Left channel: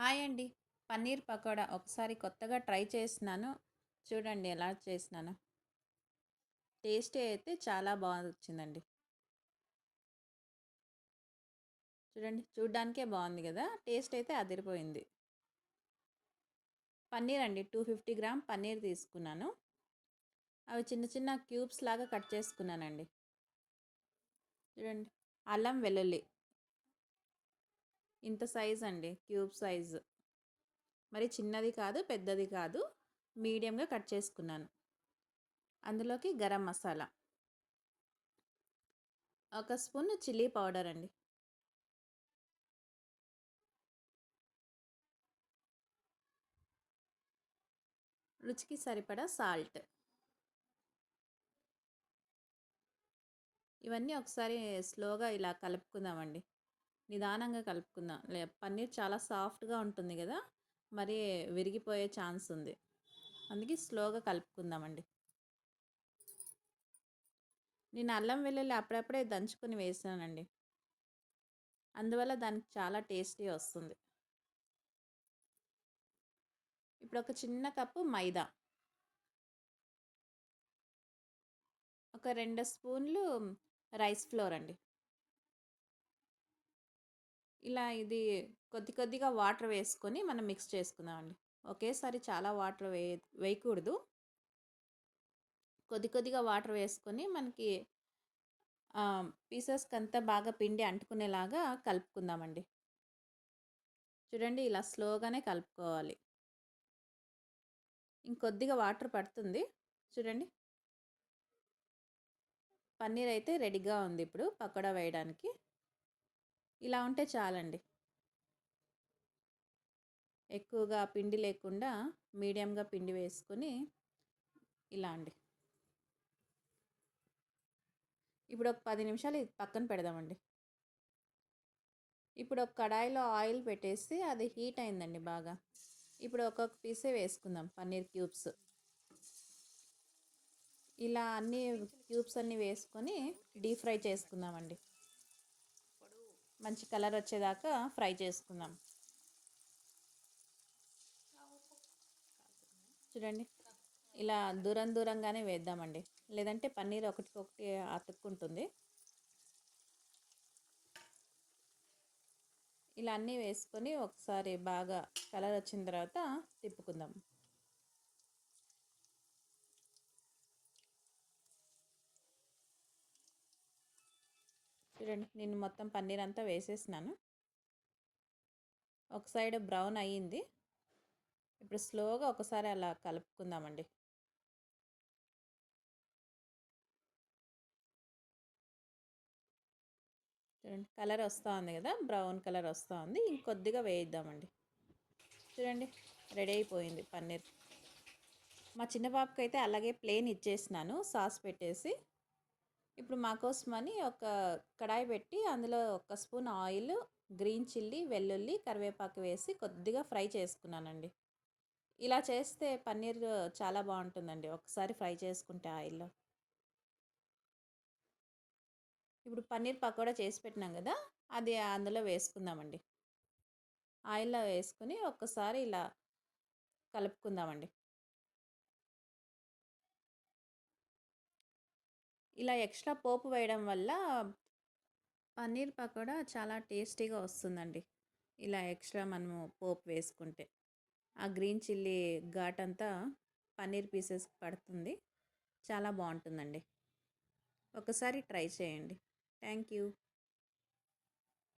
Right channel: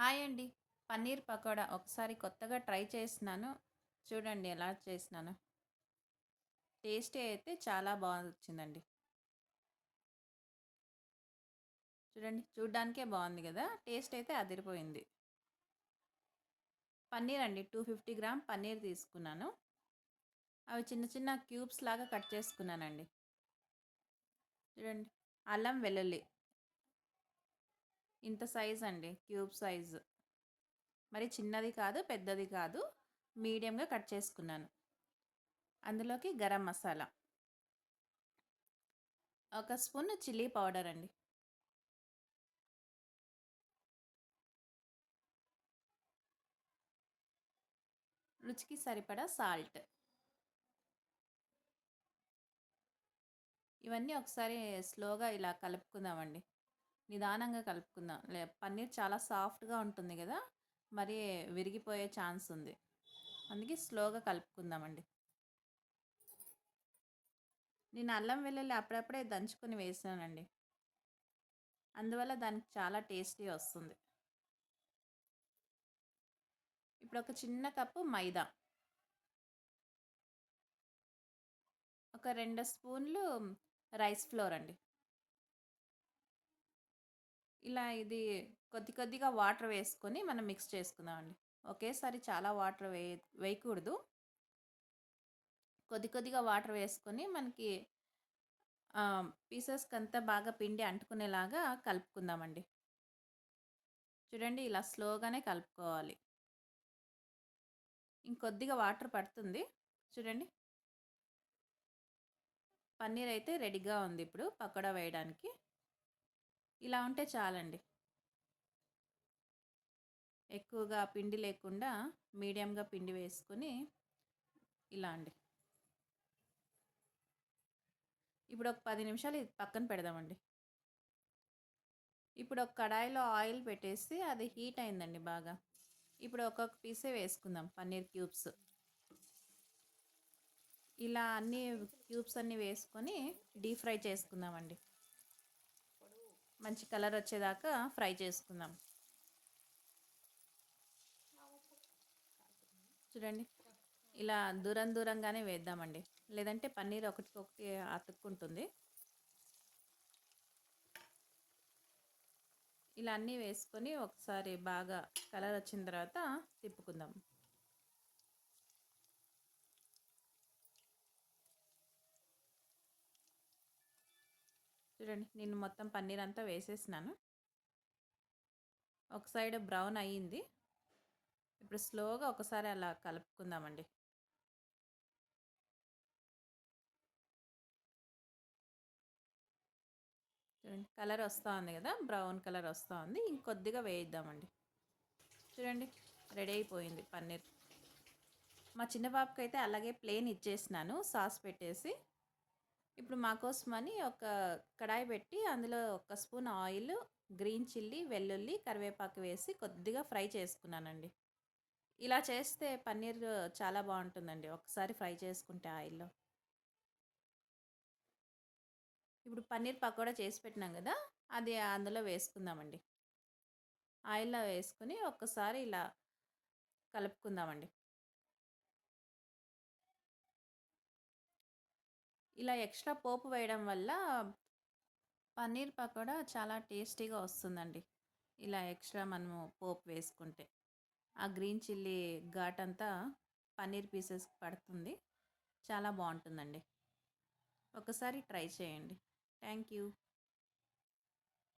Hi అండి. పన్నీర్ పకోడా ఒకసారి కొత్తగా ట్రై చేసినాను. చూడండి ఎలా చేసినానో. టేస్టీ అయితే చాలా వచ్చిందండి. చూడండి చూడ్డానికే బాగుంది కదా! టేస్ట్ అయితే అదిరిపోయింది. పన్నీర్ అండి 250 గ్రామ్ పన్నీర్ తీసుకున్నాను. అవి చిన్న చిన్న క్యూబ్స్ లాగా కట్ చేసుకున్నానండి. చూడండి అల్లం వెల్లుల్లి ఇంత సైజ్ అండి, క్యూబ్ సైజు. మరి చిన్నది కాదు పెద్దది కాదు, మీడియంగా కట్ చేసుకున్నాను. అందులోకి గరం మసాలా, ఒక స్పూన్ చిల్లీ పౌడర్ అండి, రుచికి సరిపడా సాల్ట్. ఇవన్నీ ఒకసారి స్లోగా ఇలా కలుపుకుందామండి. నిదానంగా కలుపుకుందాం. పన్నీర్ చాలా సాఫ్ట్గా ఉంటుంది కదా, మరి విరిగిపోయే ఛాన్స్ ఉంది. అందుకే స్లోగా కలుపుకుందామండి. నేను అల్లం వెల్లుల్లి అప్పుడప్పుడే దంచుకొని వేసానండి, అందువల్ల దానికి చాలా టేస్టీ వస్తుంది. ఇప్పుడు ఒక చిన్న కప్పు మైదా, ఒక 2 స్పూన్లు రైస్ ఫ్లోర్ అండి. ఇలా ఇది కొద్ది కొద్దిగా వాటర్ వేసుకొని మనం మిక్స్ చేసుకుందామండి. ఒకేసారి చాలా వాటర్ వేయకూడదు. కొద్ది కొద్దిగా వాటర్ వేసుకొని మనకి పీసెస్కి అంతా బాగా పిండి అంటుకునేలాగా కలుపుకుందామండి. చూడండి ఇలా స్లోగానే కలుపుకోవాలి. ఇంకొద్దిగా వాటర్ పడుతుంది. చూడండి పన్నీర్ అయితే రెడీగా ఉంది ఇప్పుడు పకోడా వేయడానికి. ఇలా ఉంటే చాలండి. ఎక్కువగా పిండి లేకుండా మీడియంగా పిండి వేసుకొని ఇలా అండి. ఇప్పుడు ఒక 10 నిమిషాలు ఇది పక్కన పెడదామండి. ఇప్పుడు ఒక కడాయిలో ఆయిల్ పెట్టేసి అది హీట్ అయిందండి బాగా. ఇప్పుడు ఒక్కొక్క పీసే వేసుకుందాం పన్నీర్ క్యూబ్స్. ఇలా అన్ని క్యూబ్స్ అన్నీ వేసుకొని డీప్ ఫ్రై చేసుకుందామండి. మంచి కలర్ వచ్చేదాకా ఫ్రై చేసుకుందాం. చూడండి ఇలా దూరం దూరంగానే వేద్దామండి, లేదంటే పన్నీర్ ఒకటికొకటి అతుక్కుంటుంది. ఇలా అన్నీ వేసుకొని ఒకసారి బాగా కలర్ వచ్చిన తర్వాత తిప్పుకుందాం. చూడండి నేను మొత్తం పన్నీర్ అంతా వేసేసినాను. ఒక సైడ్ బ్రౌన్ అయ్యింది. ఇప్పుడు స్లోగా ఒకసారి అలా కలుపుకుందామండి. చూడండి కలర్ వస్తూ ఉంది కదా, బ్రౌన్ కలర్ వస్తూ ఉంది. ఇంకొద్దిగా వేయిద్దామండి. చూడండి రెడీ అయిపోయింది పన్నీర్. మా చిన్న బాబుకి అయితే అలాగే ప్లేన్ ఇచ్చేసినాను సాస్ పెట్టేసి. ఇప్పుడు మా కోసమని ఒక కడాయి పెట్టి అందులో ఒక స్పూన్ ఆయిల్, గ్రీన్ చిల్లీ, వెల్లుల్లి, కరివేపాకు వేసి కొద్దిగా ఫ్రై చేసుకున్నానండి. ఇలా చేస్తే పన్నీర్ చాలా బాగుంటుందండి ఒకసారి ఫ్రై చేసుకుంటే ఆయిల్లో. ఇప్పుడు పన్నీర్ పకోడా చేసి పెట్టినాం కదా, అది అందులో వేసుకుందామండి. ఆయిల్లో వేసుకుని ఒక్కసారి ఇలా కలుపుకుందామండి. ఇలా ఎక్స్ట్రా పోపు వేయడం వల్ల పన్నీర్ పకోడా చాలా టేస్టీగా వస్తుందండి. ఇలా ఎక్స్ట్రా మనము పోపు వేసుకుంటే ఆ గ్రీన్ చిల్లీ ఘాట్ అంతా పన్నీర్ పీసెస్కి పడుతుంది. చాలా బాగుంటుందండి. ఒకసారి ట్రై చేయండి. Thank you.